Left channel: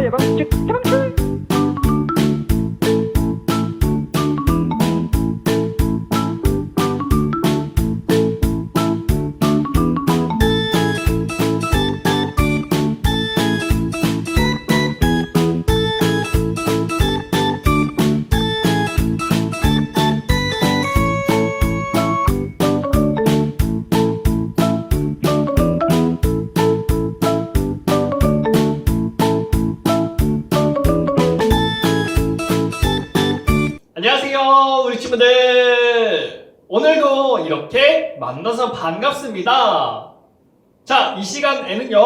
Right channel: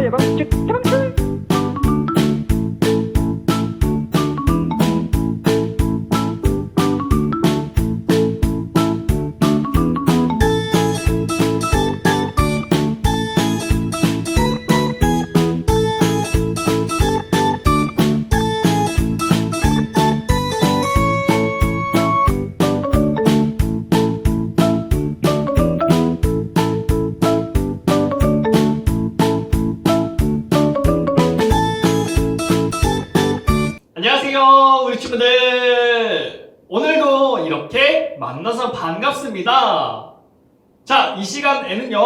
콜레라 예방책 예방책. 안녕하세요 우리 친구들, 오늘도 이렇게 만나서 반갑습니다. 자, 이 시간에는요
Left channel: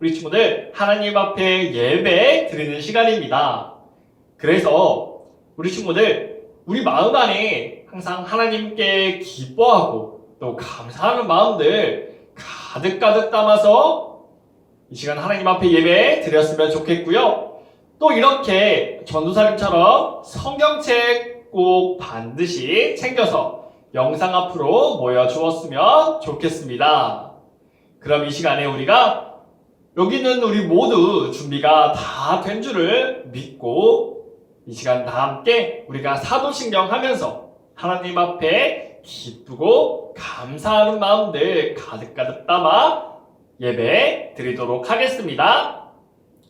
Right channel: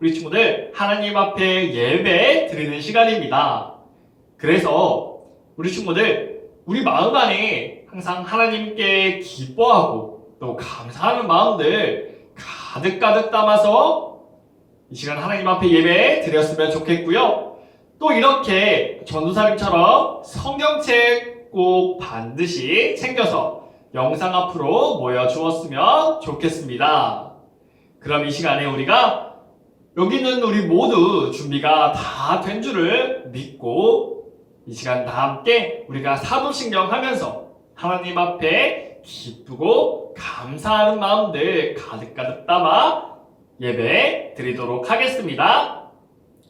우리 친구들 하나님 앞에 예배 드리는 시간입니다. 그래서 우리 친구들 우리 마음 안에 항상 하나님께 기뻐하고 또 감사하는 마음들 가득가득 담아서 이 시간 하나님 앞에 예배 드렸으면 좋겠고요. 또 이렇게 전도사님처럼 성경책 꼭 반드시 챙겨서 영상 앞으로 모여주었으면 좋겠습니다. 그럼 이 시간에 우리가 여기 있는 우리 모두 준비가 다 된 줄을 믿고 이 시간 다 함께 우리가 사도신경 하면서 하나님 앞에 기쁘고 감사하는 마음들 가득가득 담아 예배 드리도록 하겠습니다.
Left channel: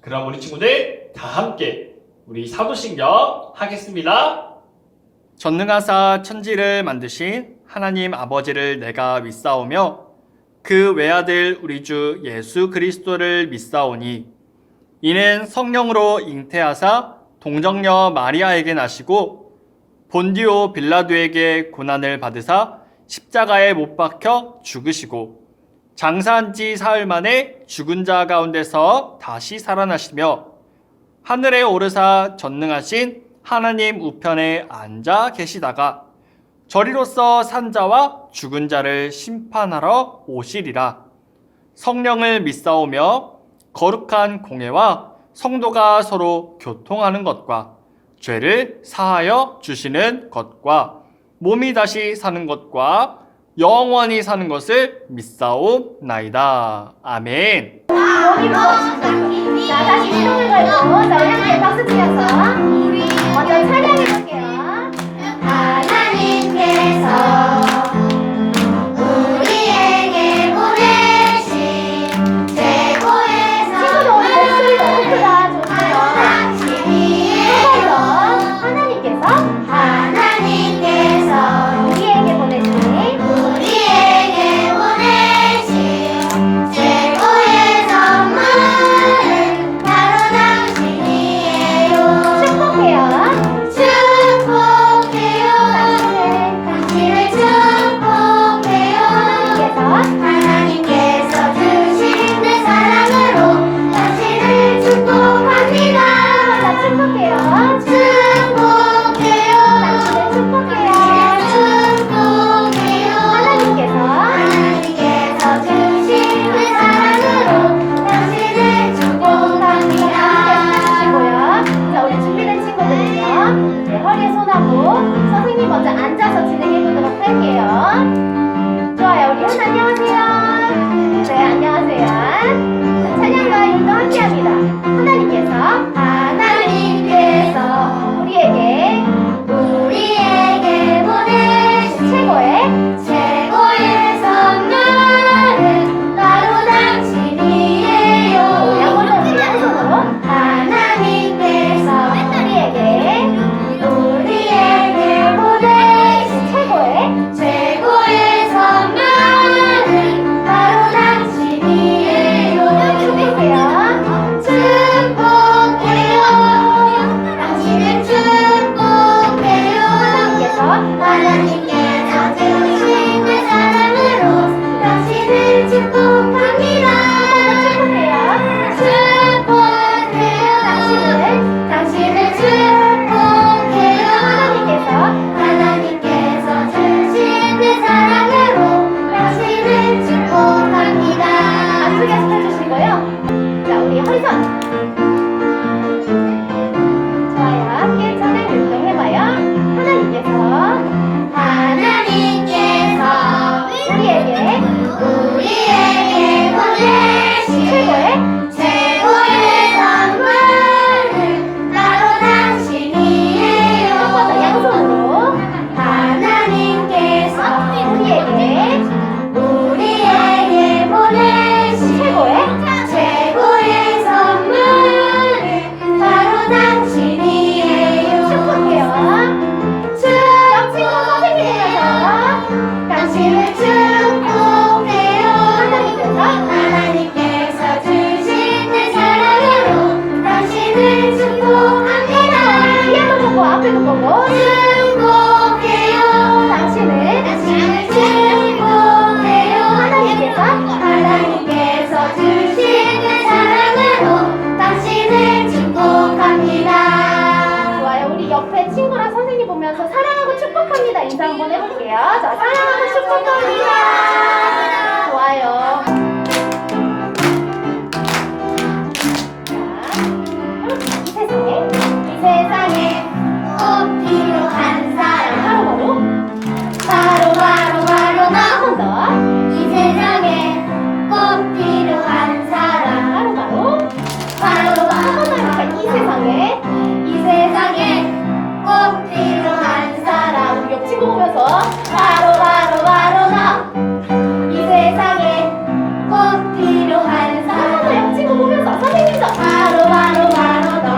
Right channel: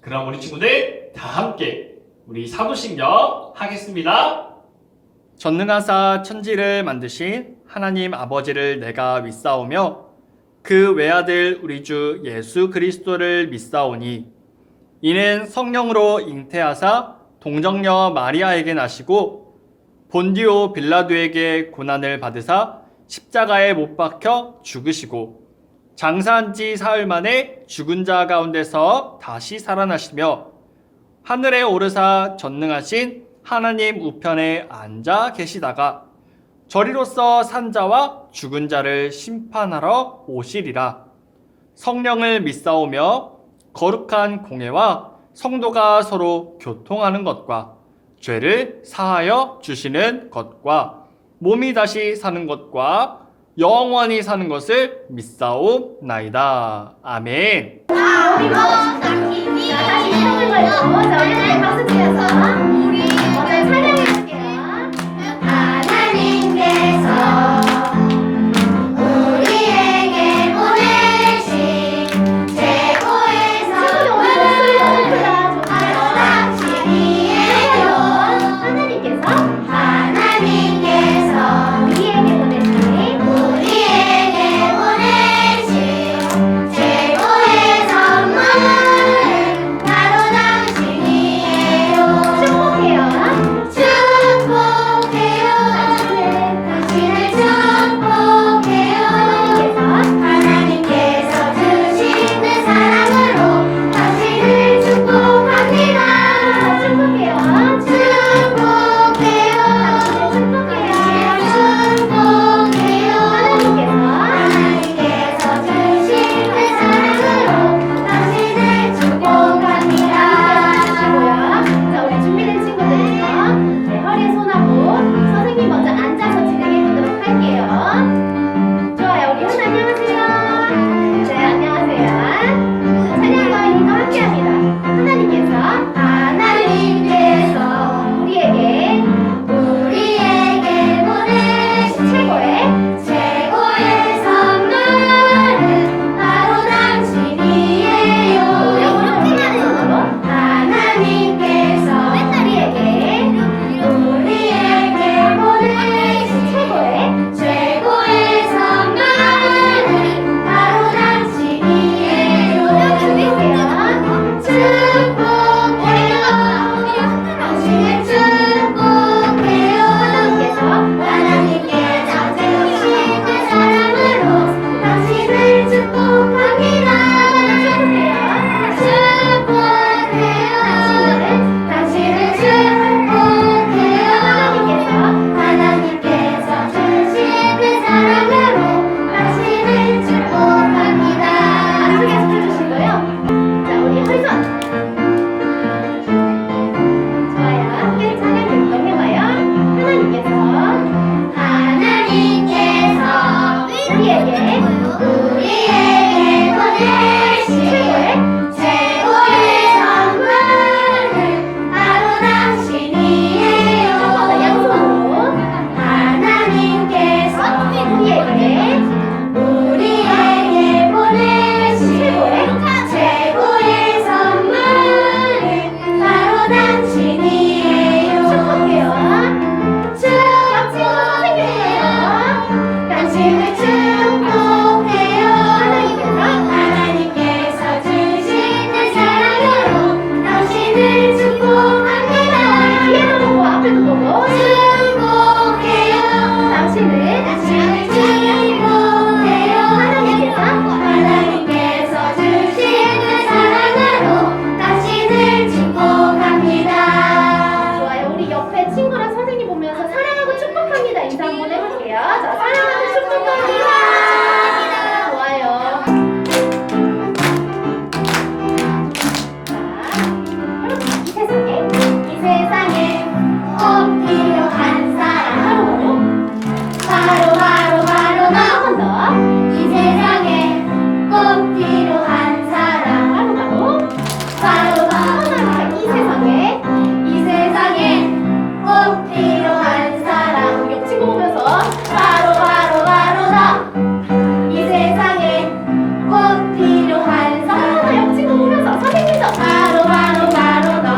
그럼 우리 친구들 다 함께 우리 사도신경 하겠습니다. 전능하사 천지를 만드신 하나님 아버지를 내가 믿사오며 그 외아들 우리 주 예수 그리스도를 믿사오니 이는 성령으로 잉태하사 동정녀 마리아에게 나시고 본디오 빌라도에게 고난을 받으사 십자가에 못 박혀 죽으시고 장사한 지 사흘 만에 죽은 자 가운데서 다시 살아나시며 하늘에 오르사 전능하신 하나님 우편에 앉아 계시다가 저리로서 산 자와 죽은 자를 심판하러 오시리라. 성령을 믿사오며 거룩한 공회와 성도가 서로 교통하는 것과 죄를 사하여 주시는 것과 몸이 다시 사는 것과 영원히 사는 것을 믿사옵나이다. 아멘. 몸이 무엇인가? 자, 다시 손을 걸고 자, 우리 함께 박수 치면서 먼저 찬양해 볼게요. 하나님께서 우리에게 보내신 최고의 친구들 오늘 목소리 너무 크다. 좋네요. 하나님께서 우리에게 보내신 최고의 선물은 바로 당신이에요. 축복해요. 축복해요. 당신을 축복해요. 하나님께서 주신 내 사랑으로 당신을 축복합니다. 자, 축복해요. 축복해요. 당신을 축복해요. 축복해요. 하나님께서 주신 내 사랑으로 당신을 축복합니다. 주시고요. 자, 우리 준비된 친구들은요. 네, 허리에 손하고 선생님 먼저 앉아서 진행해 보도록 할게요. 좋아요. 우리 현 안녕하세요. 네, 안녕하세요. 찬양과 인도 함께합니다. 하나님께서 우리에게 보내신 최고의 선물은 바로 당신이에요. 우리 한 손으로 하나님께서 우리에게 보내신 최고의 선물은 바로 당신이에요. 축복해요. 축복해요. 당신을 축복해요. 하나님께서 주신 내 사랑으로 당신을 축복합니다. 축복해요. 당신을 축복해요. 하나님께서 주신 내 사랑으로 당신을 축복합니다. 안수 계속해 주시고요. 자, 우리 허리선. 좋아요. 함께 찬양 율동해봐요. 하나님께서 우리에게 보내신 최고의 선물 당신을 축복해요. 하나님께서 주신 사랑으로 당신을 축복합니다. 뒤에도 보고 앞에도 보고 축복해요. 당신을 축복해요. 하나님께서 주신 사랑으로 당신을 축복합니다. 좋아요. 우리 옆에 친구랑 선생님 보면서 사랑하고 축복합니다 인사 한번 해볼게요. 자, 사랑하고 축복합니다. 좋아요. 이 세상에 꼭 필요한 사람 바로 나. 한 번 더. 이 세상에 꼭 필요한 사람 바로 이 세상에 꼭 필요한 사람. 우리 옆 친구 보면서 바로 나. 이 세상에 꼭 필요한 사람. 옆 친구 보면서 선생님도 바로 너.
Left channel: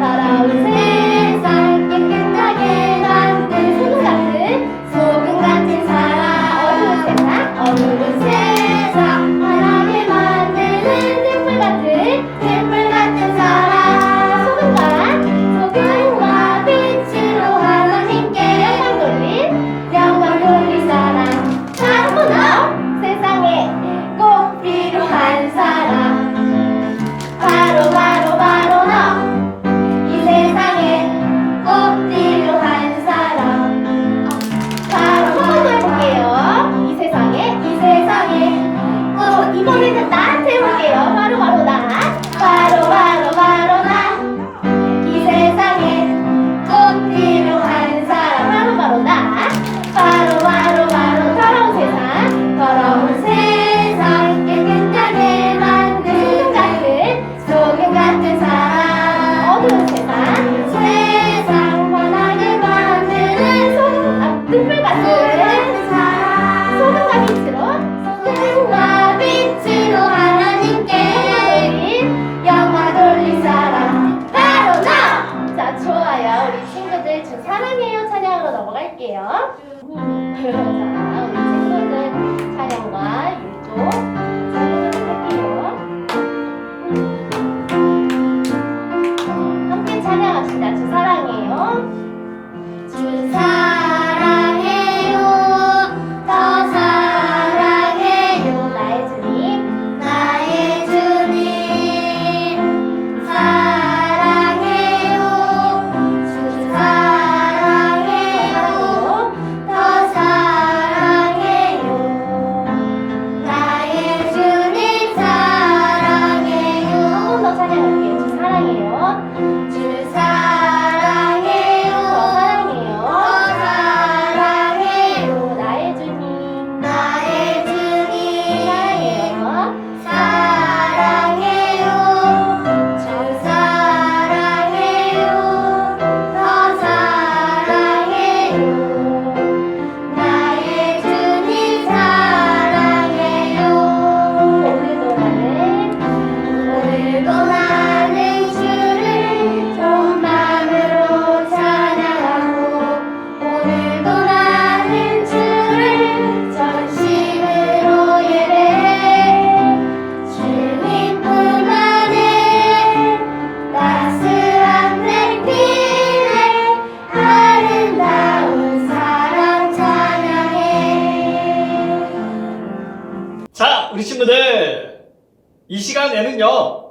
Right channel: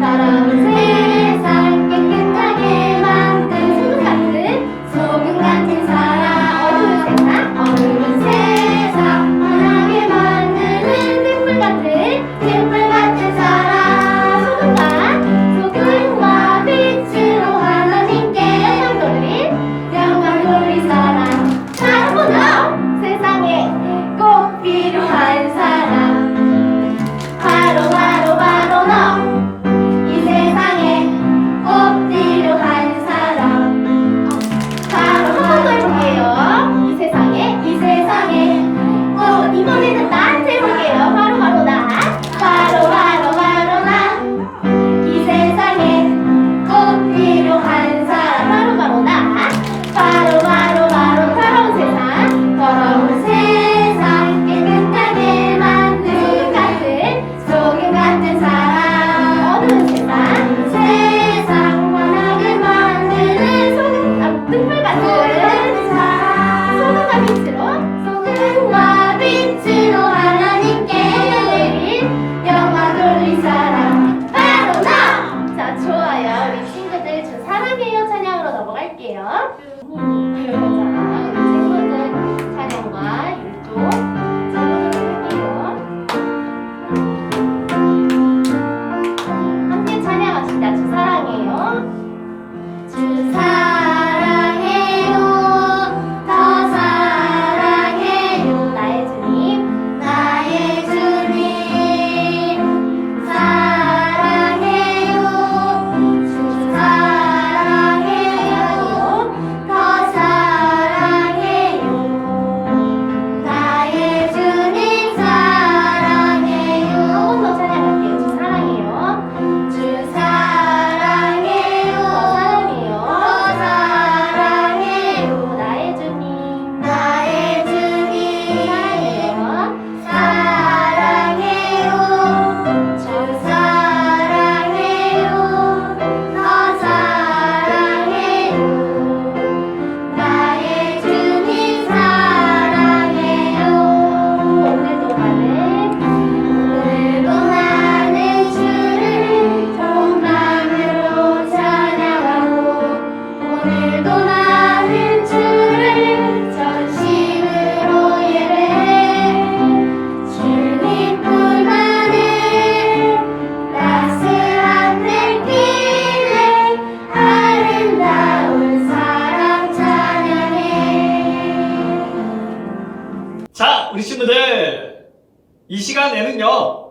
따라온 세상 깨끗하게 만든 소금 같은 사람. 어두운 세상 환하게 만드는 등불 같은 사람. 소금과 빛으로 하나님께 영광 돌릴 사람 바로 너. 세상에 꼭 필요한 사람 바로 너. 이 세상에 꼭 필요한 사람 바로 한 번 더 해볼게요. 이 세상에 꼭 이번에는 나한테 해볼게요. 바로 나. 바로 나. 이 세상에 꼭 필요한 사람 바로 나. 바로 더러운 세상 깨끗하게 만든 소금 같은 사람. 어두운 세상 환하게 만드는 등불 같은 사람. 소금과 빛으로 하나님께 영광 돌릴 사람 바로 나. 자, 좋아요. 우리 친구들 저 사랑해요 찬양으로 넘어갈게요. 자, 우리 친구들 찬양과 율동 제목을 할게요. 함께 찬양합시다. 주 사랑해요. 주 사랑해요. 더 사랑해요. 나의 주님. 사랑해요. 주 사랑해요. 더 사랑해요. 나의 주님 사랑해요. 한 번 더 찬양할게요. 주 사랑해요. 주 사랑해요. 더 사랑해요. 나의 주님. 사랑해요. 주 사랑해요. 더 사랑해요. 나의 주님 사랑해요. 오늘도 나는 주를 전 마음으로 찬양하고 오늘도 나는 주를 전심으로 예배해. 주님뿐만의 따스한 내 길에 아름다운 사랑 찬양해. 자, 우리 친구들, 이 시간에는요,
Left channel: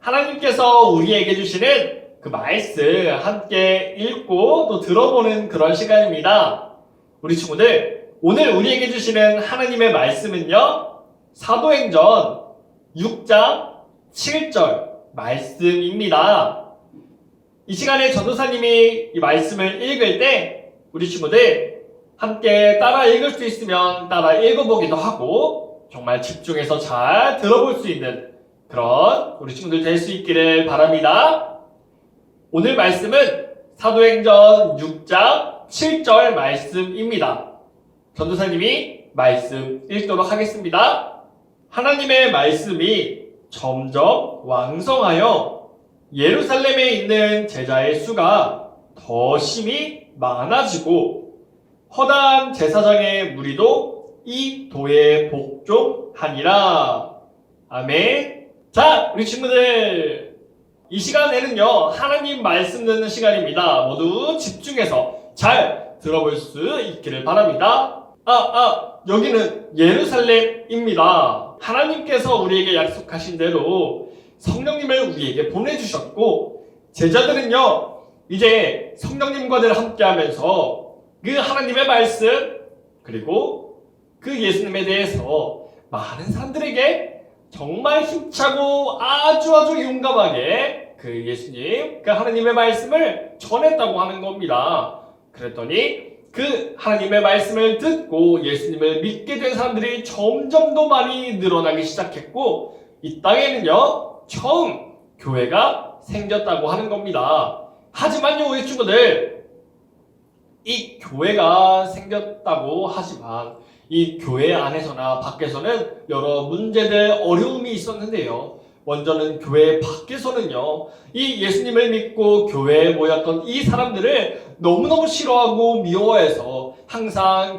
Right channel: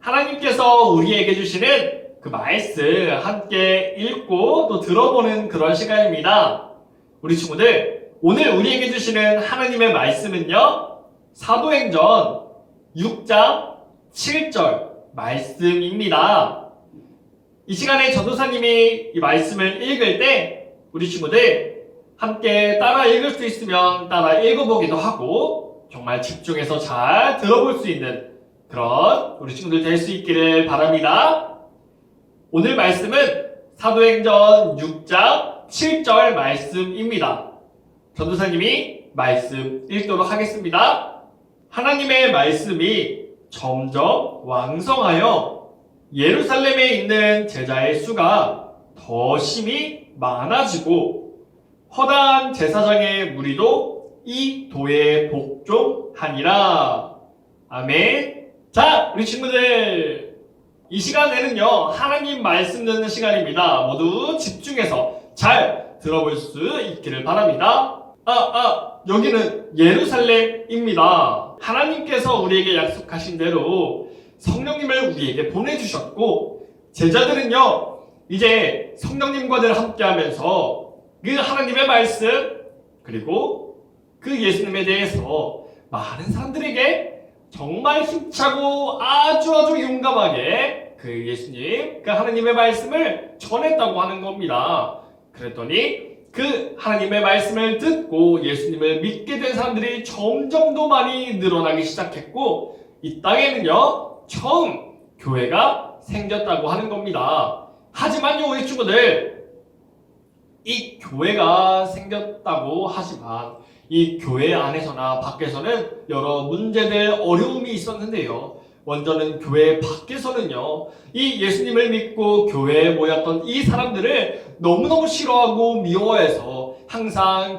하나님께서 우리에게 주시는 그 말씀 함께 읽고 또 들어보는 그런 시간입니다. 우리 친구들, 오늘 우리에게 주시는 하나님의 말씀은요, 사도행전 6장 7절 말씀입니다. 이 시간에 전도사님이 이 말씀을 읽을 때 우리 친구들 함께 따라 읽을 수 있으면 따라 읽어보기도 하고 정말 집중해서 잘 들어볼 수 있는 그런 우리 친구들 될 수 있기를 바랍니다. 오늘 말씀은 사도행전 6장 7절 말씀입니다. 전도사님이 말씀 읽도록 하겠습니다. 하나님의 말씀이 점점 왕성하여 예루살렘에 있는 제자의 수가 더 심히 많아지고 허다한 제사장의 무리도 이 도에 복종하니라. 아멘. 자, 우리 친구들, 이 시간에는요 하나님 말씀 듣는 시간입니다. 모두 집중해서 잘 들어볼 수 있기를 바랍니다. 여기는 예루살렘입니다. 하나님께서 우리에게 약속하신 대로 성령님을 우리에게 보내주셨고, 제자들은요 이제 성령님과 늘 함께하면서 그 하나님의 말씀 그리고 그 예수님에 대해서 많은 사람들에게 정말 힘차고 아주 용감하게 그 예수님, 그 하나님의 말씀을 전했다고 하는 겁니다. 그랬더니 그 하나님의 말씀을 듣고 예수님을 믿게 된 사람들이 점점 더 많이 늘어나기 시작했고, 이 땅에는요 처음 교회가 생겼다고 하는 겁니다. 하지만요 우리 친구들, 이 교회가 생겼다고 하지만 이 교회 안에서나 밖에서는 여러 문제들, 어려움이 있었는데요. 먼저는 교회 밖에서는요, 이 예수님을 믿고 교회에 모였던 이 사람들을 너무너무 싫어하고 미워해서 항상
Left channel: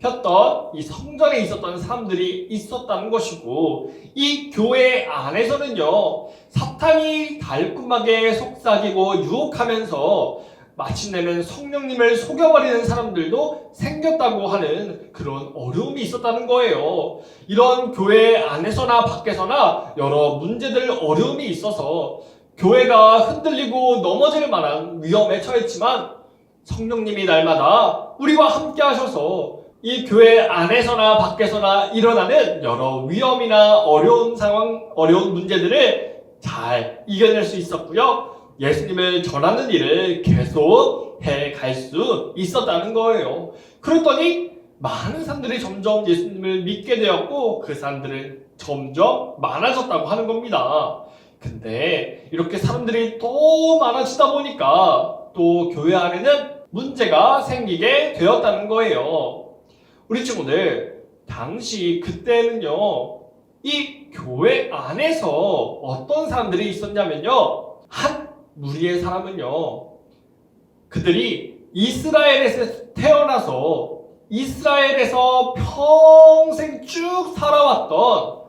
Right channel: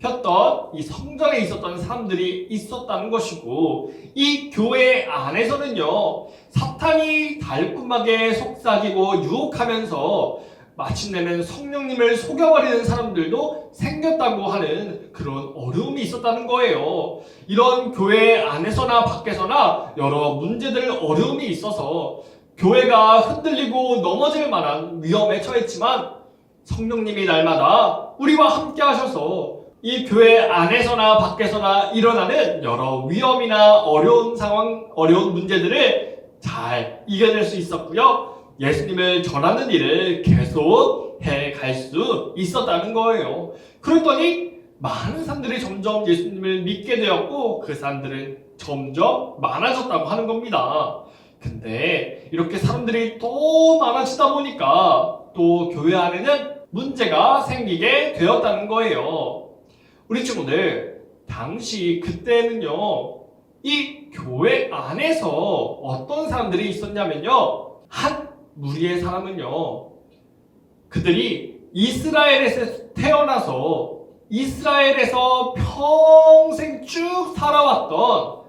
괴롭혔던 이 성전에 있었던 사람들이 있었다는 것이고, 이 교회 안에서는요 사탄이 달콤하게 속삭이고 유혹하면서 마침내는 성령님을 속여버리는 사람들도 생겼다고 하는 그런 어려움이 있었다는 거예요. 이런 교회 안에서나 밖에서나 여러 문제들, 어려움이 있어서 교회가 흔들리고 넘어질 만한 위험에 처했지만, 성령님이 날마다 우리와 함께 하셔서 이 교회 안에서나 밖에서나 일어나는 여러 위험이나 어려운 상황, 어려운 문제들을 잘 이겨낼 수 있었고요. 예수님을 전하는 일을 계속 해갈 수 있었다는 거예요. 그랬더니 많은 사람들이 점점 예수님을 믿게 되었고, 그 사람들은 점점 많아졌다고 하는 겁니다. 근데 이렇게 사람들이 또 많아지다 보니까 또 교회 안에는 문제가 생기게 되었다는 거예요. 우리 친구들, 당시 그때는요 이 교회 안에서 어떤 사람들이 있었냐면요, 한 무리의 사람은요, 그들이 이스라엘에서 태어나서 이스라엘에서 평생 쭉 살아왔던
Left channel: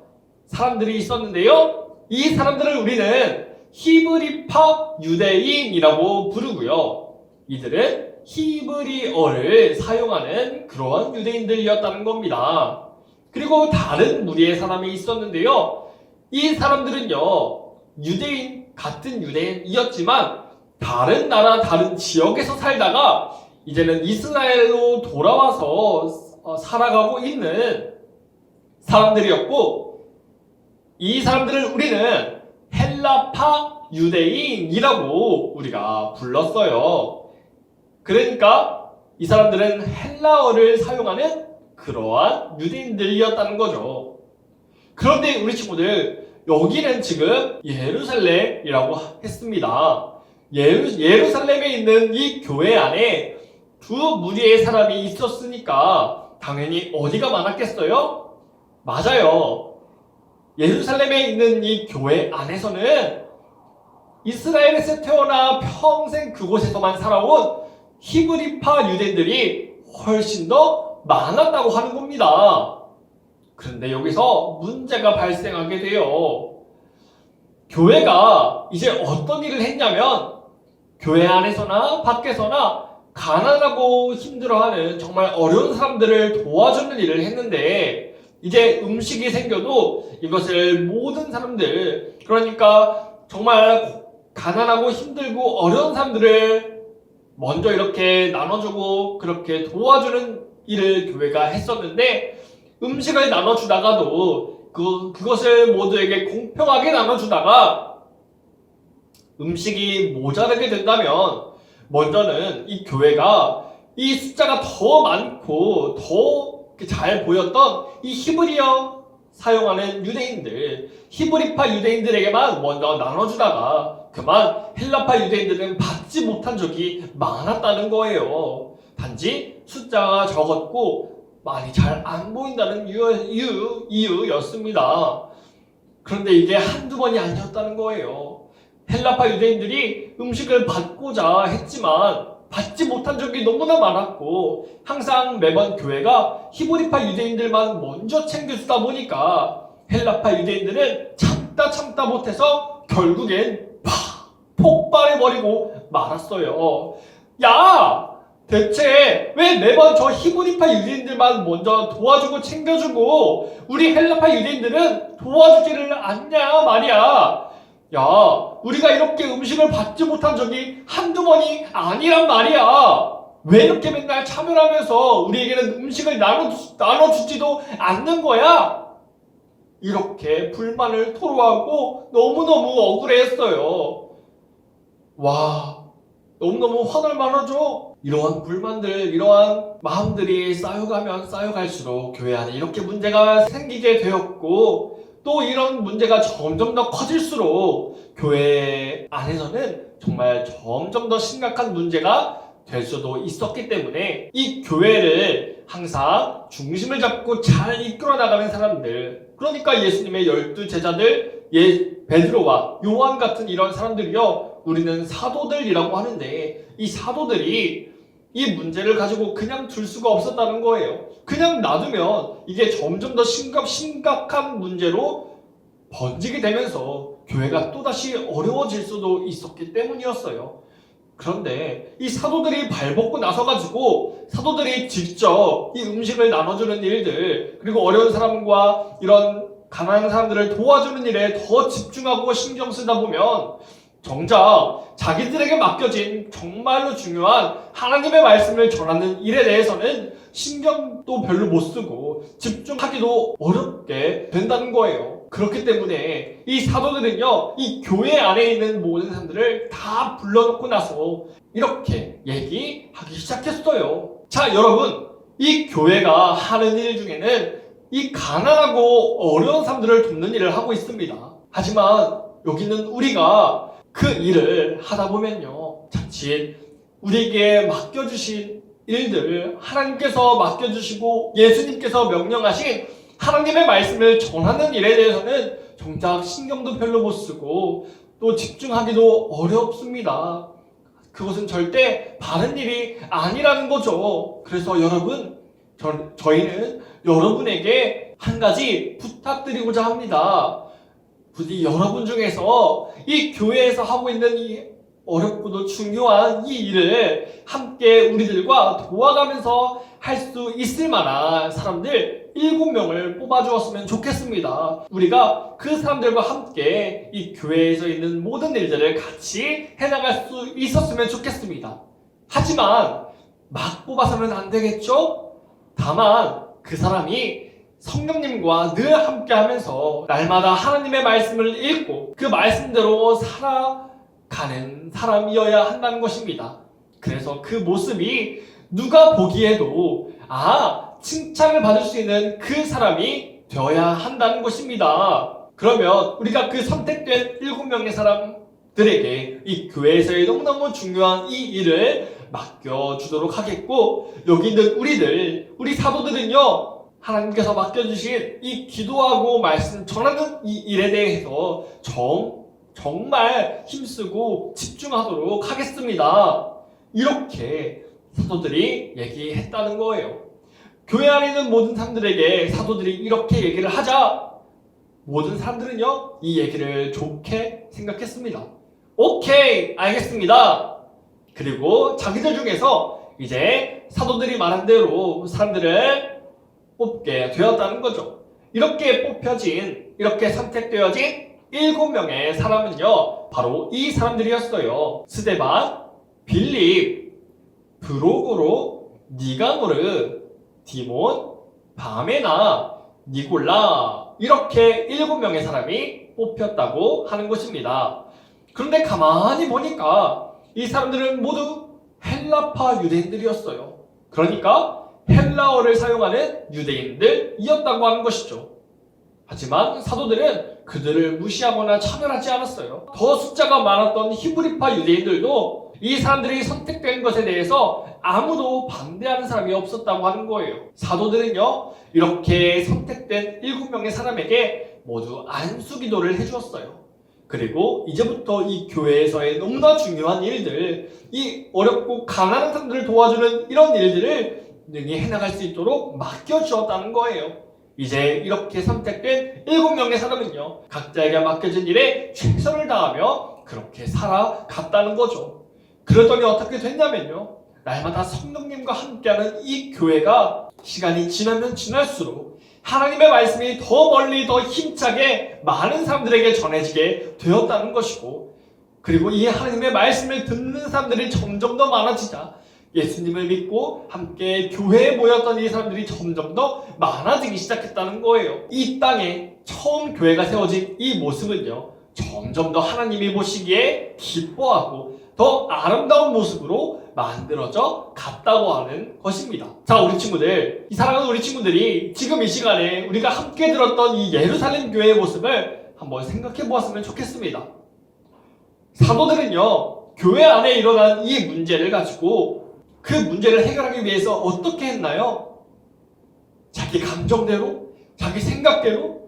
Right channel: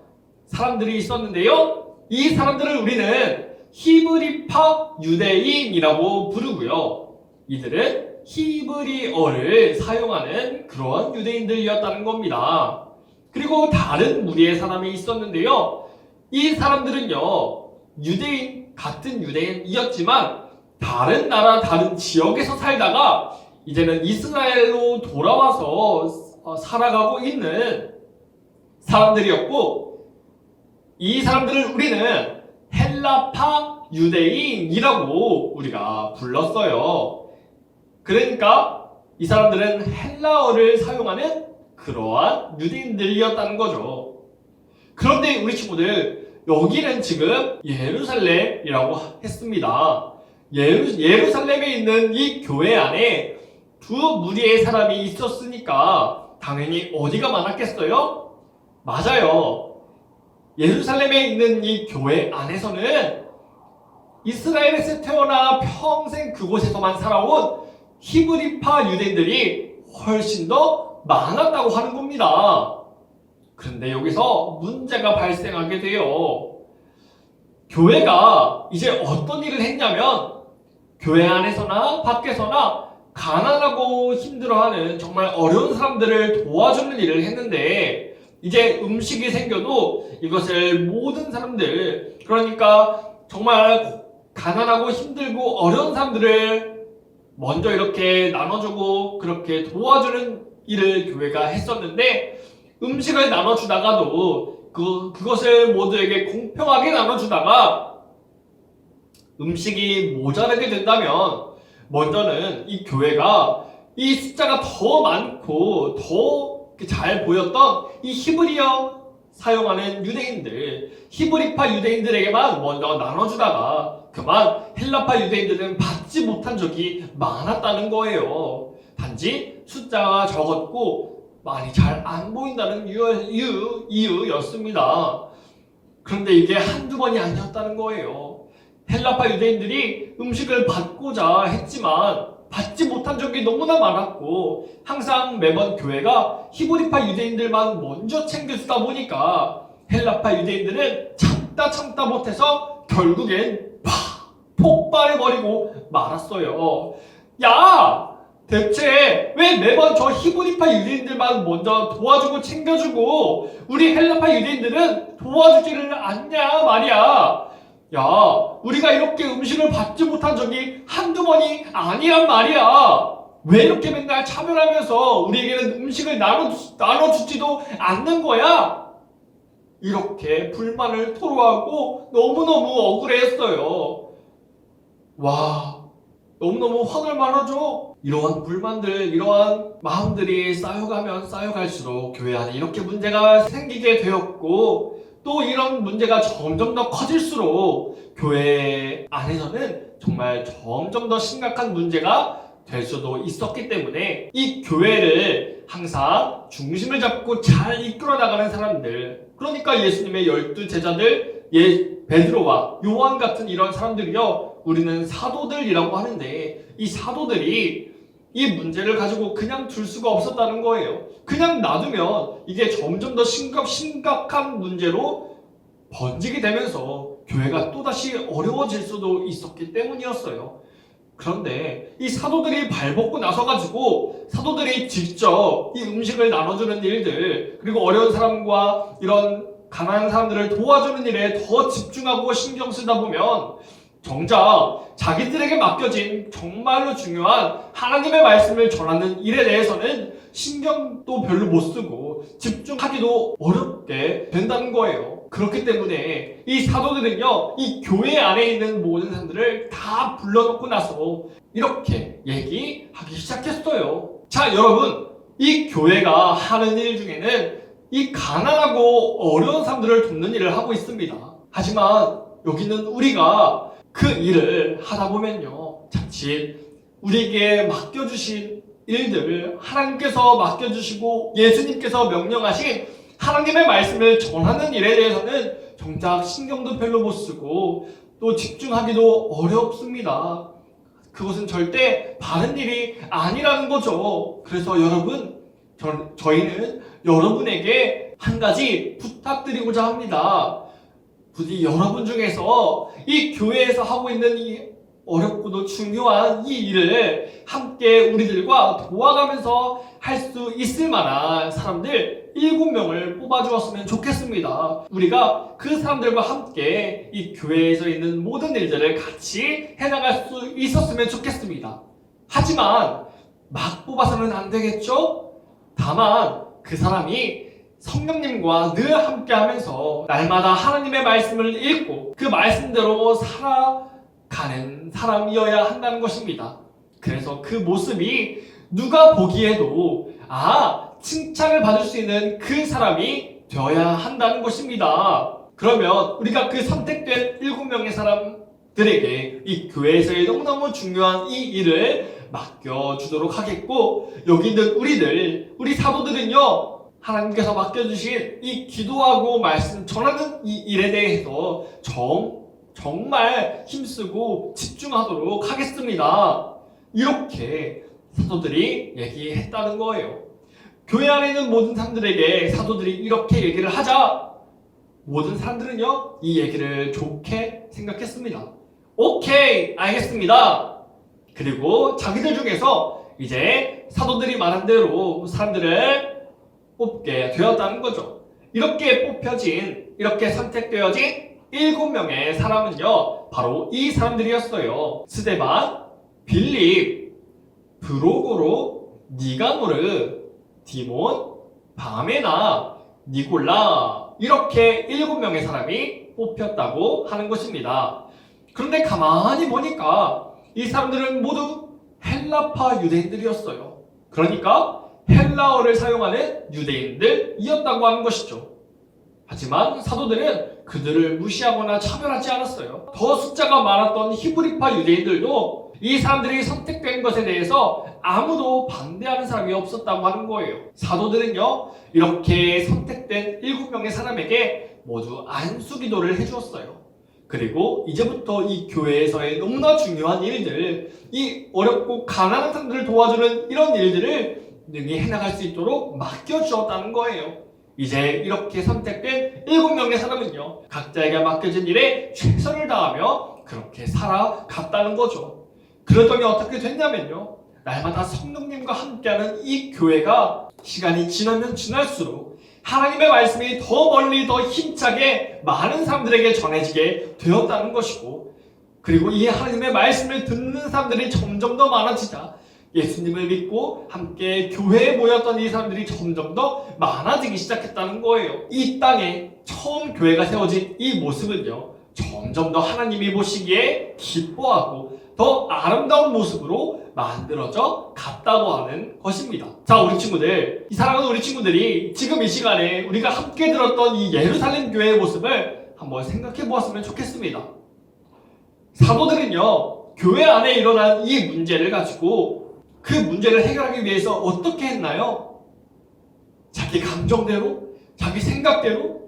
사람들이 있었는데요, 이 사람들을 우리는 히브리파 유대인이라고 부르고요. 이들은 히브리어를 사용하는 그런 유대인들이었다는 겁니다. 그리고 다른 무리의 사람이 있었는데요, 이 사람들은요 같은 유대인이었지만 다른 나라, 다른 지역에서 살다가 이제는 이스라엘로 돌아와서 살아가고 있는 사람들이었고, 이 사람들을 우리는 헬라파 유대인이라고 우리가 불렀어요. 그러니까 이 사람들은 헬라어를 사용하는 그러한 유대인들이었다는 거죠. 그런데 우리 친구들, 여기는 지금 예루살렘이라고 했습니다. 예루살렘에 있는 이 교회 안에 두 무리의 사람이 있었으니까 당연히 어디가 많았겠어요? 맞아요. 예루살렘에 있는 이 교회 안에서는 이스라엘에서 태어나 평생 그곳에서만 살아온 히브리파 유대인들이 훨씬 더 많았다고 하는 겁니다. 그런데 여기서 문제가 발생하게 돼요. 교회가 이제 어떤 일을 했냐면, 교회 안에서나 밖에서나 가난하고 힘들어하는 정말 어려운 사람들을 도와주는 일을 했는데, 이제 음식이 생겨도 이것을 모든 사람들, 그러니까 정말 가난하고 힘들고 어려운 사람들을 먼저 이렇게 나눠주고 그렇게 도와주는 일을 교회가 했었는데, 음식을 나눠주다가도 그것을 모두에게 공평하게 나눠주다가 음식이 모자라게 된다면, 먼저는 이 교회가 이 숫자가 더 많고 더 잘 보였던 이 히브리어 사용하는 유대인들, 히브리파 유대인들에게만 먼저 나눠주다가 그만 헬라파 유대인들은 받지 못한 적이 많았다는 거예요. 단지 숫자가 적었고 많이 잘 안 보인다는 이유였습니다. 그런데 이게 한두 번이 아니었다는 거예요. 헬라파 유대인들이 음식을 받고자 했지만 받지 못한 적이 너무나 많았고 항상 매번 교회가 히브리파 유대인들만 먼저 챙겨주다 보니까 헬라파 유대인들은 참다 못해서 결국엔 폭발해버리고 말았어요. 야! 대체 왜 매번 저 히브리파 유대인들만 먼저 도와주고 챙겨주고 우리 헬라파 유대인들은 도와주지를 않냐 말이야. 야, 우리가 이렇게 음식을 받지 못한 적이 한두 번이 아니란 말이야. 왜 이렇게 맨날 차별하면서 우리에게는 음식을 나눠주지도 않는 거야? 이렇게 불만을 토로하고 너무너무 억울해했어요. 와, 너무너무 화날 만하죠? 이러한 불만들, 이러한 마음들이 쌓여가면 쌓여갈수록 교회 안에 이렇게 문제가 생기게 되었고 또 이런 문제가 점점 더 커질수록 교회 안에서는 정말 점점 더 심각한 문제가 될 수도 있었기 때문에 이 교회를 항상 중심을 잡고 잘 이끌어 나가는 사람들, 그러니까 예수님의 12 제자들, 베드로와 요한 같은 이런 사람들이요, 우리는 사도들이라고 하는데 이 사도들이 이 문제를 가지고 그냥 둘 수가 없었다는 거예요. 그냥 놔두면 이게 점점 더 심각한 문제로 번지게 되면서 교회가 또다시 어려워질 수도 있었기 때문이었어요. 그런데 이 사도들이 발벗고 나서가지고 사도들이 직접 이 음식을 나눠주는 일들, 그리고 어려운 사람과 이런 가난한 사람들을 도와주는 일에 더 집중하고 신경 쓰다 보면 정작 자기들에게 맡겨진 정말로 중요한 하나님의 말씀을 전하는 일에 대해서는 신경도 별로 못 쓰고 집중하기도 어렵게 된다는 거예요. 그렇기 때문에 이 사도들은요, 이 교회 안에 있는 모든 사람들을 다 불러놓고 나서 이렇게 얘기하기 시작했어요. 자, 여러분, 이 교회가 하는 일 중에는 이 가난하고 어려운 사람들을 돕는 일을 하고 있습니다. 하지만 여기는 우리가 그 일을 하다 보면요, 자칫 우리에게 맡겨주신 일들, 하나님께서 맡겨주시고 예수님께서 명령하신 하나님의 말씀을 전하는 일에 대해서는 정작 신경도 별로 못 쓰고 또 집중하기도 어렵습니다. 그것은 절대 바른 일이 아니라는 거죠. 그래서 여러분, 저희는 여러분에게 한 가지 부탁드리고자 합니다. 부디 여러분 중에서 이 교회에서 하고 있는 이 어렵고도 중요한 이 일을 함께 우리들과 도와가면서 할 수 있을 만한 사람들 7명을 뽑아주었으면 좋겠습니다. 우리가 그 사람들과 함께 이 교회에서 있는 모든 일들을 같이 해나갈 수 있었으면 좋겠습니다. 하지만 막 뽑아서는 안 되겠죠? 다만 그 사람이 성령님과 늘 함께 하면서 날마다 하나님의 말씀을 읽고 그 말씀대로 살아가는 사람이어야 한다는 것입니다. 그래서 그 모습이 누가 보기에도 칭찬을 받을 수 있는 그 사람이 되어야 한다는 것입니다. 그러면 우리가 그 선택된 7명의 사람들에게 이 교회에서의 너무너무 중요한 이 일을 맡겨주도록 하겠고, 여기 있는 우리 사도들은요, 하나님께서 맡겨주신 이 기도하고 말씀 전하는 이 일에 대해서 정말 힘쓰고 집중하도록 하겠습니다. 이렇게 사도들이 얘기했다는 거예요. 교회 안에 있는 모든 사람들에게 사도들이 이렇게 얘기를 하자 모든 사람들은요, 이 얘기를 좋게 생각했습니다. 오케이, 알겠습니다. 그리고 자기들 중에서 이제 사도들이 말한 대로 사람들을 뽑게 되었다는 거죠. 이렇게 선택되어진 7명의 사람은요, 바로 이 사람들이었어요. 스데반, 빌립, 브로고로, 니가노르, 디몬, 바메나, 니골라, 이렇게 7명의 사람이 뽑혔다고 하는 것입니다. 그런데 가만히 보니까 이 사람들은 모두 헬라파 유대인들이었어요. 그러니까 헬라어를 사용하는 유대인들이었다고 하는 것이죠. 하지만 사도들은 그들을 무시하거나 차별하지 않았어요. 더 숫자가 많았던 히브리파 유대인들도 이 사람들이 선택된 것에 대해서 아무도 반대하는 사람이 없었다고 하는 거예요. 사도들은요, 이렇게 선택된 7명의 사람에게 모두 안수기도를 해주었어요. 그리고 이제부터 이 교회에서의 너무나 중요한 일들, 이 어렵고 가난한 사람들을 도와주는 이런 일들을 능히 해나갈 수 있도록 맡겨주었다는 거예요. 이제 이렇게 선택된 7명의 사람은요, 각자에게 맡겨진 일에 최선을 다하며 그렇게 살아갔다는 거죠. 그러더니 어떻게 됐냐면요, 날마다 성령님과 함께하는 이 교회가 시간이 지나면 지날수록 하나님의 말씀이 더 멀리 더 힘차게 많은 사람들에게 전해지게 되었다는 것이고, 그리고 이 하나님의 말씀을 듣는 사람들이 점점 더 많아지자 예수님을 믿고 함께 교회에 모였던 이 사람들이 점점 더 많아지기 시작했다는 거예요. 이 땅에 처음 교회가 세워진 이 모습은요, 점점 더 하나님이 보시기에 기뻐하고 더 아름다운 모습으로 만들어져 갔다고 하는 것입니다. 자, 우리 친구들, 이 사랑하는 우리 친구들이 지금 이 시간에 우리가 함께 들었던 이 예루살렘 교회의 모습을 한번 생각해 보았으면 좋겠습니다. 사도들은요, 교회 안에 일어난 이 문제를 가지고 그 문제를 해결하기 위해서 어떻게 했나요? 자기 감정대로, 자기 생각대로,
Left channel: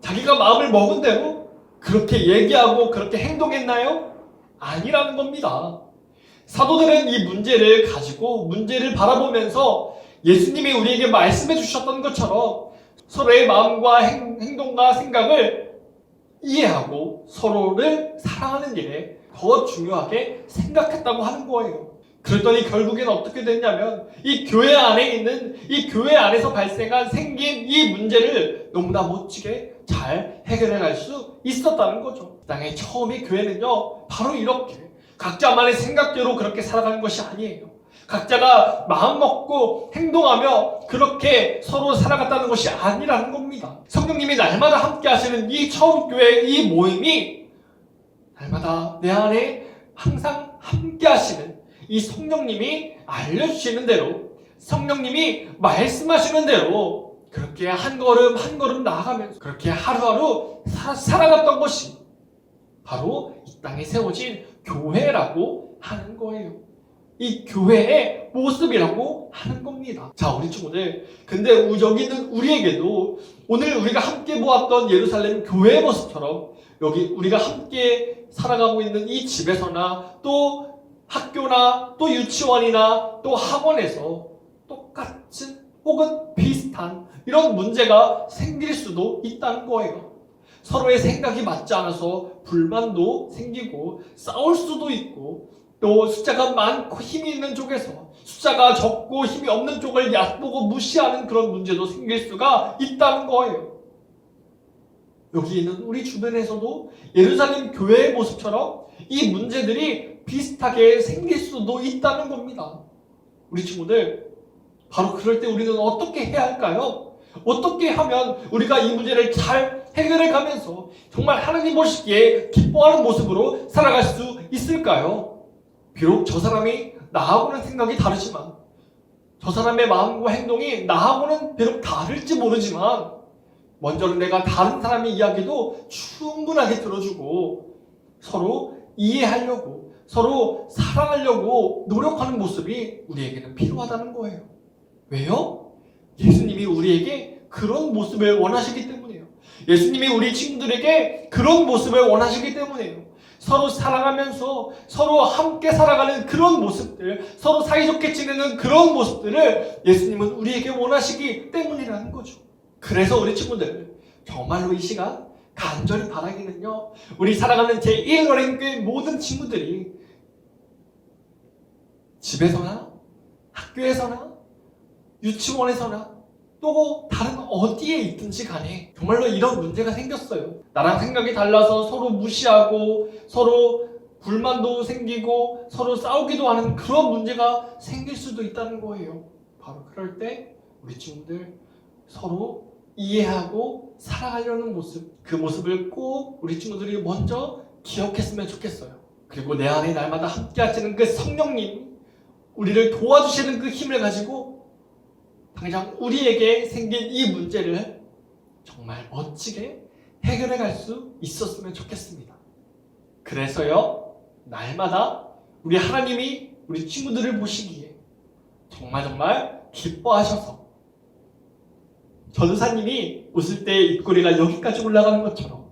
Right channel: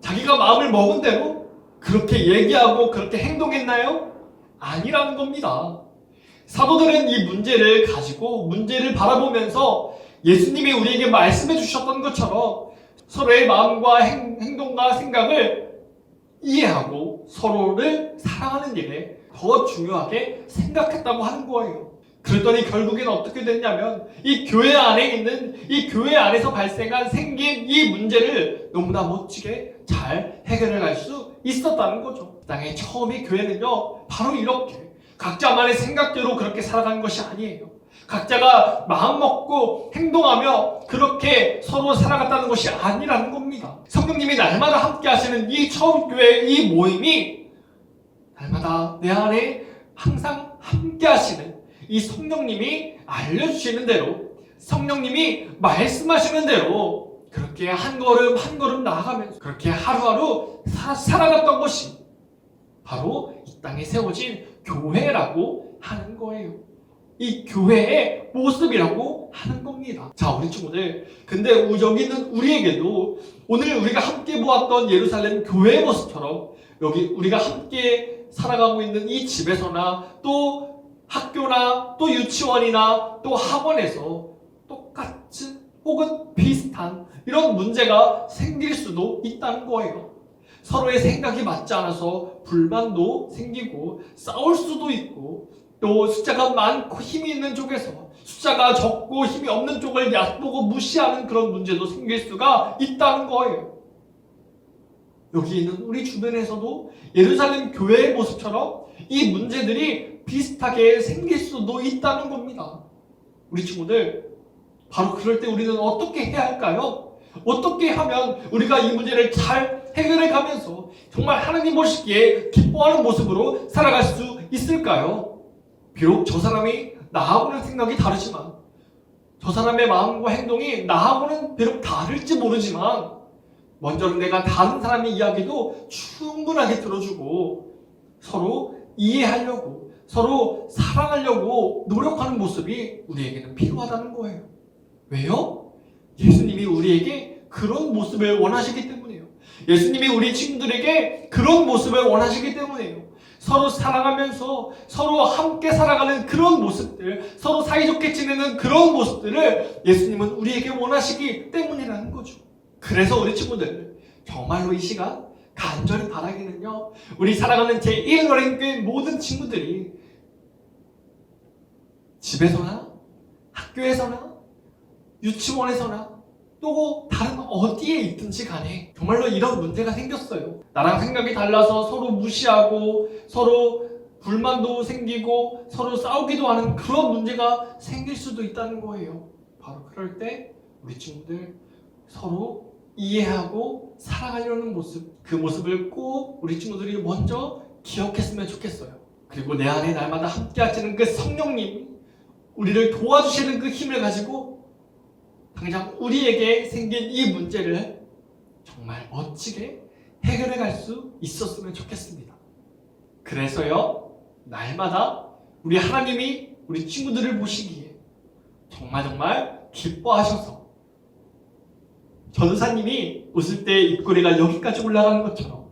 자기가 마음을 먹은 대로 그렇게 얘기하고 그렇게 행동했나요? 아니라는 겁니다. 사도들은 이 문제를 가지고 문제를 바라보면서 예수님이 우리에게 말씀해 주셨던 것처럼 서로의 마음과 행동과 생각을 이해하고 서로를 사랑하는 일에 더 중요하게 생각했다고 하는 거예요. 그랬더니 결국엔 어떻게 됐냐면 이 교회 안에 있는, 이 교회 안에서 생긴 이 문제를 너무나 멋지게 잘 해결해 갈 수 있었다는 거죠. 땅의 처음의 교회는요, 바로 이렇게 각자만의 생각대로 그렇게 살아가는 것이 아니에요. 각자가 마음 먹고 행동하며 그렇게 서로 살아갔다는 것이 아니라는 겁니다. 성령님이 날마다 함께 하시는 이 처음 교회 이 모임이 날마다 내 안에 항상 함께 하시는 이 성령님이 알려주시는 대로, 성령님이 말씀하시는 대로 그렇게 한 걸음 한 걸음 나아가면서 그렇게 하루하루 살아갔던 것이 바로 이 땅에 세워진 교회라고 하는 거예요. 이 교회의 모습이라고 하는 겁니다. 자, 우리 친구들, 근데 여기 있는 우리에게도 오늘 우리가 함께 보았던 예루살렘 교회의 모습처럼 여기 우리가 함께 살아가고 있는 이 집에서나 또 학교나 또 유치원이나 또 학원에서 똑같은 혹은 비슷한 이런 문제가 생길 수도 있다는 거예요. 서로의 생각이 맞지 않아서 불만도 생기고 싸울 수도 있고, 또 숫자가 많고 힘이 있는 쪽에서 숫자가 적고 힘이 없는 쪽을 얕보고 무시하는 그런 문제도 생길 수가 있다는 거예요. 여기 있는 우리 주변에서도 예루살렘 교회의 모습처럼 이 문제들이 비슷하게 생길 수도 있다는 겁니다. 우리 친구들, 바로 그럴 때 우리는 어떻게 해야 할까요? 어떻게 하면 우리가 이 문제를 잘 해결해 가면서 정말 하나님 보시기에 기뻐하는 모습으로 살아갈 수 있을까요? 비록 저 사람이 나하고는 생각이 다르지만, 저 사람의 마음과 행동이 나하고는 비록 다를지 모르지만, 먼저는 내가 다른 사람의 이야기도 충분하게 들어주고 서로 이해하려고, 서로 사랑하려고 노력하는 모습이 우리에게는 필요하다는 거예요. 왜요? 예수님이 우리에게 그런 모습을 원하시기 때문이에요. 예수님이 우리 친구들에게 그런 모습을 원하시기 때문이에요. 서로 사랑하면서 서로 함께 살아가는 그런 모습들, 서로 사이좋게 지내는 그런 모습들을 예수님은 우리에게 원하시기 때문이라는 거죠. 그래서 우리 친구들, 정말로 이 시간 간절히 바라기는요, 우리 살아가는 제1어린교회 모든 친구들이 집에서나 학교에서나 유치원에서나 또 다른 어디에 있든지 간에 정말로 이런 문제가 생겼어요. 나랑 생각이 달라서 서로 무시하고 서로 불만도 생기고 서로 싸우기도 하는 그런 문제가 생길 수도 있다는 거예요. 바로 그럴 때 우리 친구들 서로 이해하고 살아가려는 모습, 그 모습을 꼭 우리 친구들이 먼저 기억했으면 좋겠어요. 그리고 내 안에 날마다 함께 하시는 그 성령님, 우리를 도와주시는 그 힘을 가지고 당장 우리에게 생긴 이 문제를 정말 멋지게 해결해 갈 수 있었으면 좋겠습니다. 그래서요, 날마다 우리 하나님이 우리 친구들을 보시기에 정말 기뻐하셔서 전도사님이 웃을 때 입꼬리가 여기까지 올라가는 것처럼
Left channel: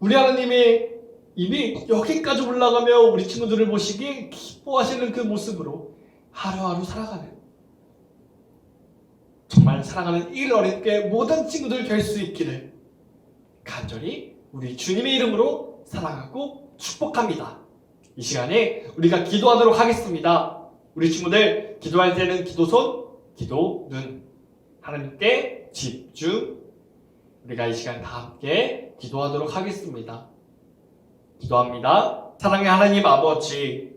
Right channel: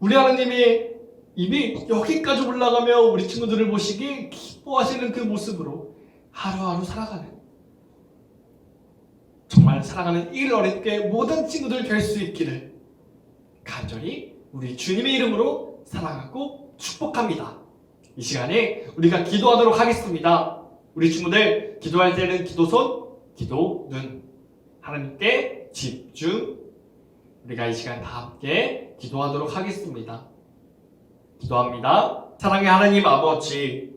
우리 하나님이 입이 여기까지 올라가며 우리 친구들을 보시기 기뻐하시는 그 모습으로 하루하루 살아가는, 정말 사랑하는 일 어린게 모든 친구들 될 수 있기를 간절히 우리 주님의 이름으로 사랑하고 축복합니다. 이 시간에 우리가 기도하도록 하겠습니다. 우리 친구들 기도할 때는 기도손, 기도 눈, 하나님께 집중. 우리가 이 시간 다 함께 기도하도록 하겠습니다. 기도합니다. 사랑의 하나님 아버지,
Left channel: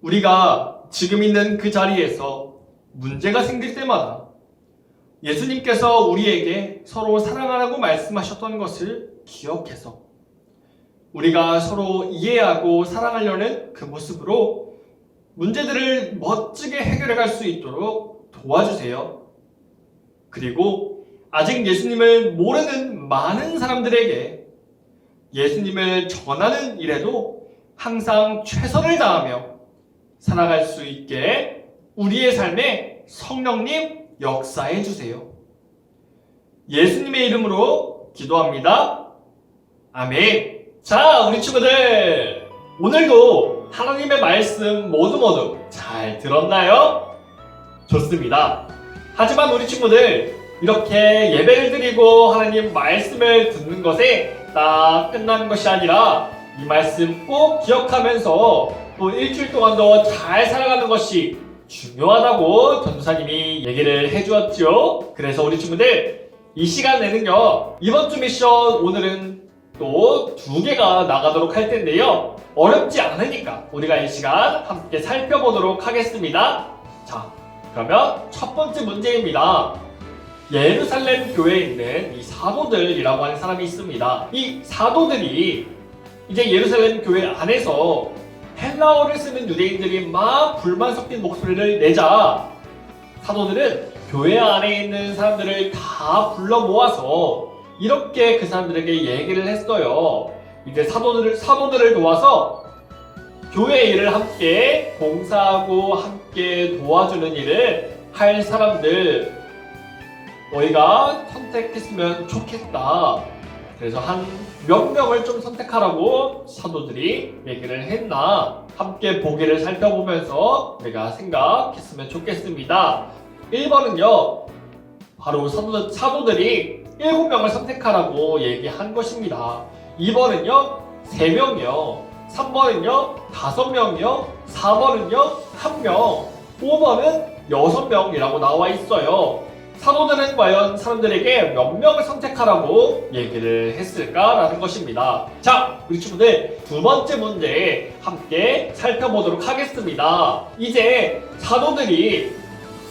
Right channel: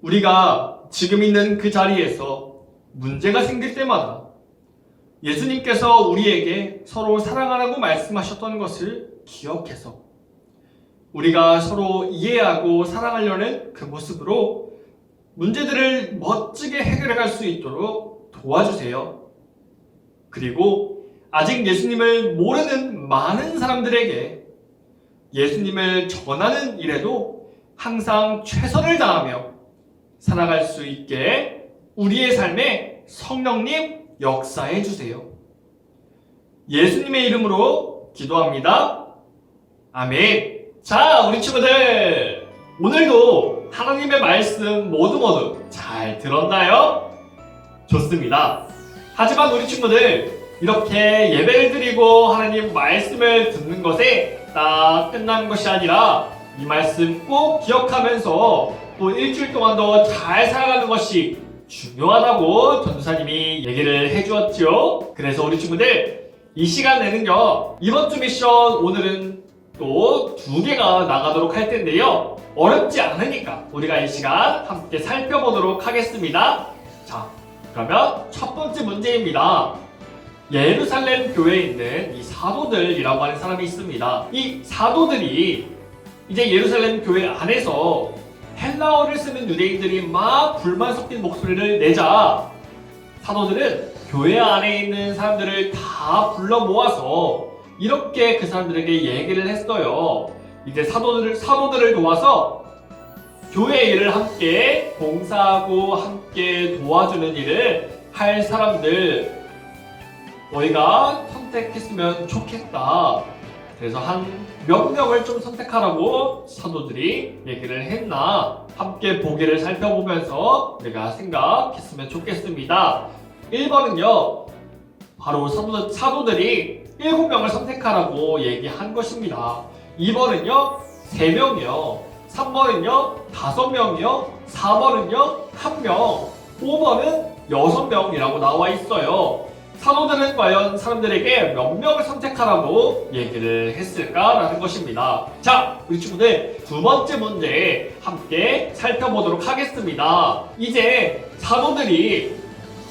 우리가 지금 있는 그 자리에서 문제가 생길 때마다 예수님께서 우리에게 서로 사랑하라고 말씀하셨던 것을 기억해서 우리가 서로 이해하고 사랑하려는 그 모습으로 문제들을 멋지게 해결해 갈 수 있도록 도와주세요. 그리고 아직 예수님을 모르는 많은 사람들에게 예수님을 전하는 일에도 항상 최선을 다하며 살아갈 수 있게 우리의 삶에 성령님 역사해 주세요. 예수님의 이름으로 기도합니다. 아멘. 자, 우리 친구들, 오늘도 하나님의 말씀 모두 잘 들었나요? 좋습니다. 하지만 우리 친구들, 이렇게 예배를 드리고 하나님 말씀을 듣는 것에 딱 끝나는 것이 아니라 이 말씀 꼭 기억하면서 또 일주일 동안도 잘 살아가는 것이 중요하다고 전도사님이 얘기를 해주었죠. 그래서 우리 친구들, 이 시간에는요, 이번 주 미션 오늘은 또 2개가 나가도록 할 텐데요, 어렵지 않으니까 우리가 이 시간 함께 살펴보도록 하겠습니다. 자, 그러면 첫 번째 문제입니다. 예루살렘 교회에 있는 이 사도들이라고 하는 사람이 있습니다. 이 사도들이 이제 예루살렘 교회 안에서 헬라어를 쓰는 유대인들이 막 불만 섞인 목소리를 내자 사도들은 교회 안에 있는 사람들을 다 불러 모아서 이렇게 그 사람들에게 얘기를 했어요. 이제 사도들을 도와서 교회 일을 함께 봉사하고 함께 도와주는 일을 할 사람들 너희가 선택했으면 좋겠다. 그래서 한 몇 명을 좀 선택하라고 사도들이 얘기를 했나 함께 보기를 살펴보면서 우리가 생각했으면 좋겠습니다. 1번은요, 바로 사도들이 7명을 선택하라고 얘기한 것입니다. 2번은요 3명이요, 3번은요 5명이요, 4번은요 1명, 5번은 6명이라고 나와 있어요. 사도들은 과연 사람들에게 몇 명을 선택하라고 얘기를 했을까라는 것입니다. 자, 우리 친구들, 2번째 문제 함께 살펴보도록 하겠습니다. 이제 사도들이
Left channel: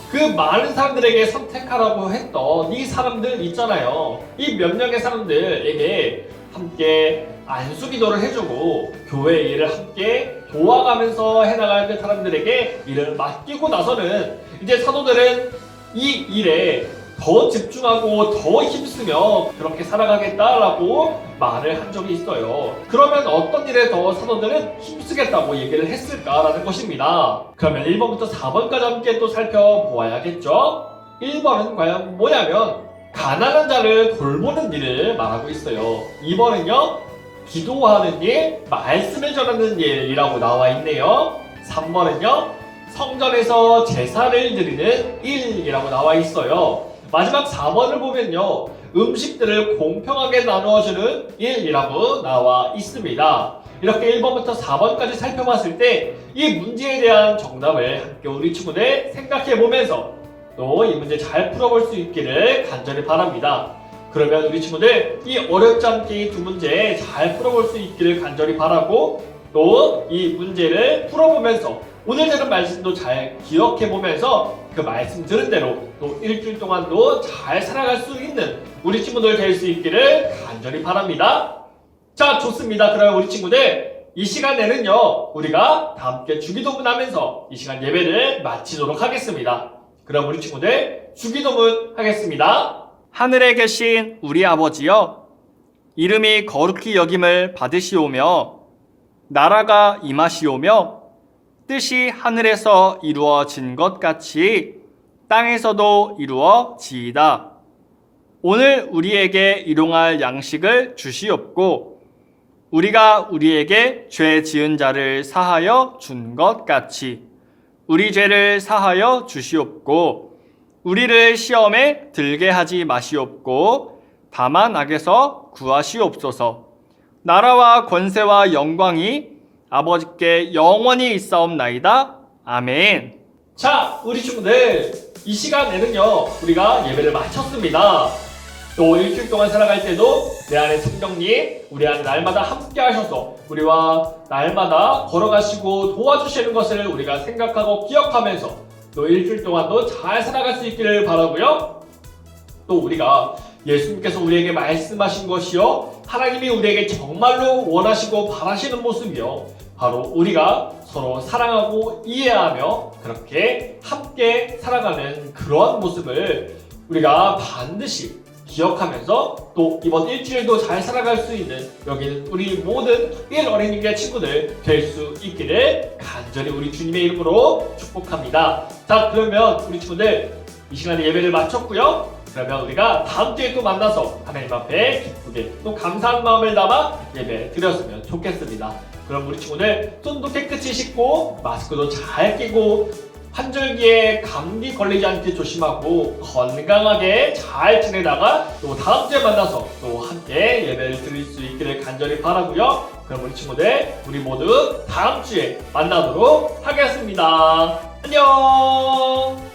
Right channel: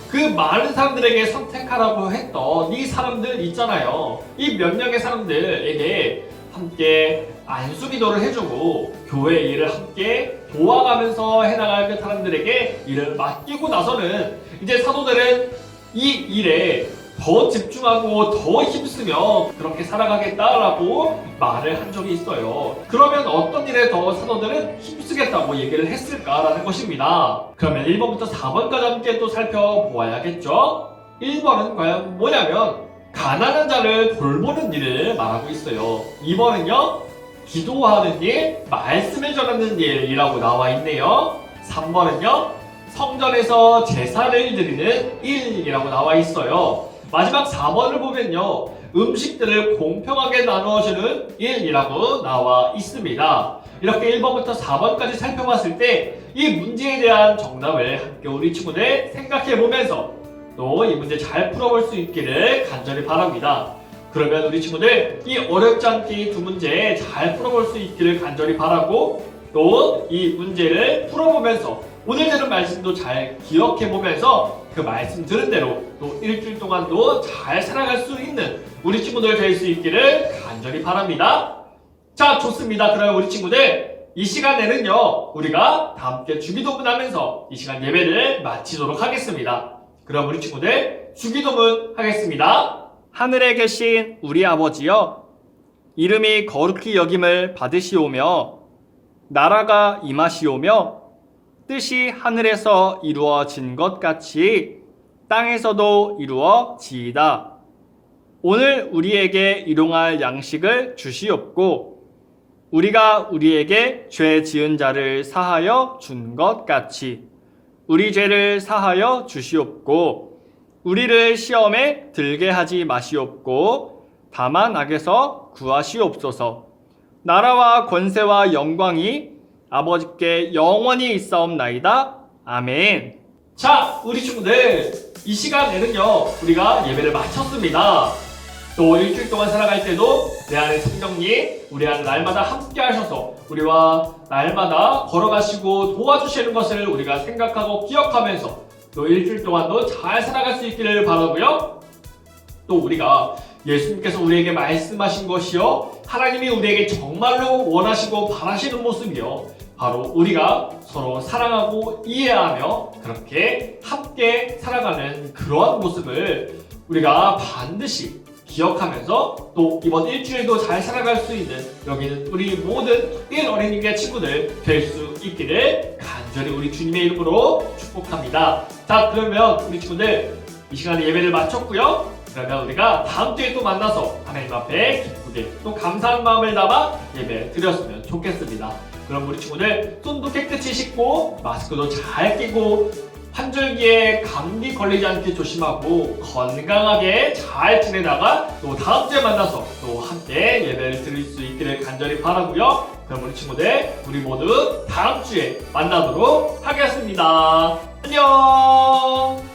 그 많은 사람들에게 선택하라고 했던 이 사람들 있잖아요. 이 몇 명의 사람들에게 함께 안수기도를 해주고 교회 일을 함께 도와가면서 해나갈 그 사람들에게 일을 맡기고 나서는 이제 사도들은 이 일에 더 집중하고 더 힘쓰며 그렇게 살아가겠다라고 말을 한 적이 있어요. 그러면 어떤 일에 더 사도들은 힘쓰겠다고 얘기를 했을까라는 것입니다. 그러면 1번부터 4번까지 함께 또 살펴보아야겠죠? 1번은 과연 뭐냐면 가난한 자를 돌보는 일을 말하고 있어요. 2번은요, 기도하는 일, 말씀을 전하는 일이라고 나와 있네요. 3번은요, 성전에서 제사를 드리는 일이라고 나와 있어요. 마지막 4번을 보면요, 음식들을 공평하게 나눠주는 일이라고 나와 있습니다. 이렇게 1번부터 4번까지 살펴봤을 때 이 문제에 대한 정답을 함께 우리 친구들 생각해보면서 또 이 문제 잘 풀어볼 수 있기를 간절히 바랍니다. 그러면 우리 친구들 이 어렵지 않게 이 2 문제 잘 풀어볼 수 있기를 간절히 바라고 또 이 문제를 풀어보면서 오늘 들은 말씀도 잘 기억해보면서 그 말씀 들은 대로 또 일주일 동안도 잘 살아갈 수 있는 우리 친구들 될 수 있기를 간절히 바랍니다. 자, 좋습니다. 그럼 우리 친구들 이 시간에는요, 우리가 다 함께 주기도문 하면서 이 시간 예배를 마치도록 하겠습니다. 그럼 우리 친구들 주기도문 하겠습니다. 하늘에 계신 우리 아버지여, 이름이 거룩히 여김을 받으시오며 나라가 임하시오며 뜻이 하늘에서 이루어진 것 같이 땅에서도 이루어지이다. 오늘 우리에게 일용할 양식을 주시옵고 우리가 우리에게 죄 지은 자를 사하여 준 것 같이 우리 죄를 사하여 주시옵고 우리를 시험에 들게 하지 마시옵고 다만 악에서 구하시옵소서. 나라와 권세와 영광이 아버지께 영원히 있사옵나이다. 아멘. 자, 우리 친구들, 이 시간에는요, 우리가 예배를 마쳤습니다. 또 일주일 동안 살아갈 때도 내 안에 성령님, 우리 안에 날마다 함께 하셔서 우리와 날마다 걸어가시고 도와주시는 것을 우리가 생각하고 기억하면서 또 일주일 동안도 잘 살아갈 수 있기를 바라고요. 또 우리가 예수님께서 우리에게 말씀하신 것이요, 하나님이 우리에게 정말로 원하시고 바라시는 모습이요, 바로 우리가 서로 사랑하고 이해하며 그렇게 함께 살아가는 그러한 모습을 우리가 반드시 기억하면서 또 이번 일주일도 잘 살아갈 수 있는 여기는 우리 모든 특별 어린이과 친구들 될 수 있기를 간절히 우리 주님의 이름으로 축복합니다. 자, 그러면 우리 친구들 이 시간에 예배를 마쳤고요. 그러면 우리가 다음 주에 또 만나서 하나님 앞에 기쁘게 또 감사한 마음을 담아 예배 드렸으면 좋겠습니다. 그럼 우리 친구들 손도 깨끗이 씻고 마스크도 잘 끼고 환절기에 감기 걸리지 않게 조심하고 건강하게 잘 지내다가 또 다음 주에 만나서 또 함께 예배를 드릴 수 있기를 간절히 바라고요. 그럼 우리 친구들 우리 모두 다음 주에 만나도록 하겠습니다. 안녕.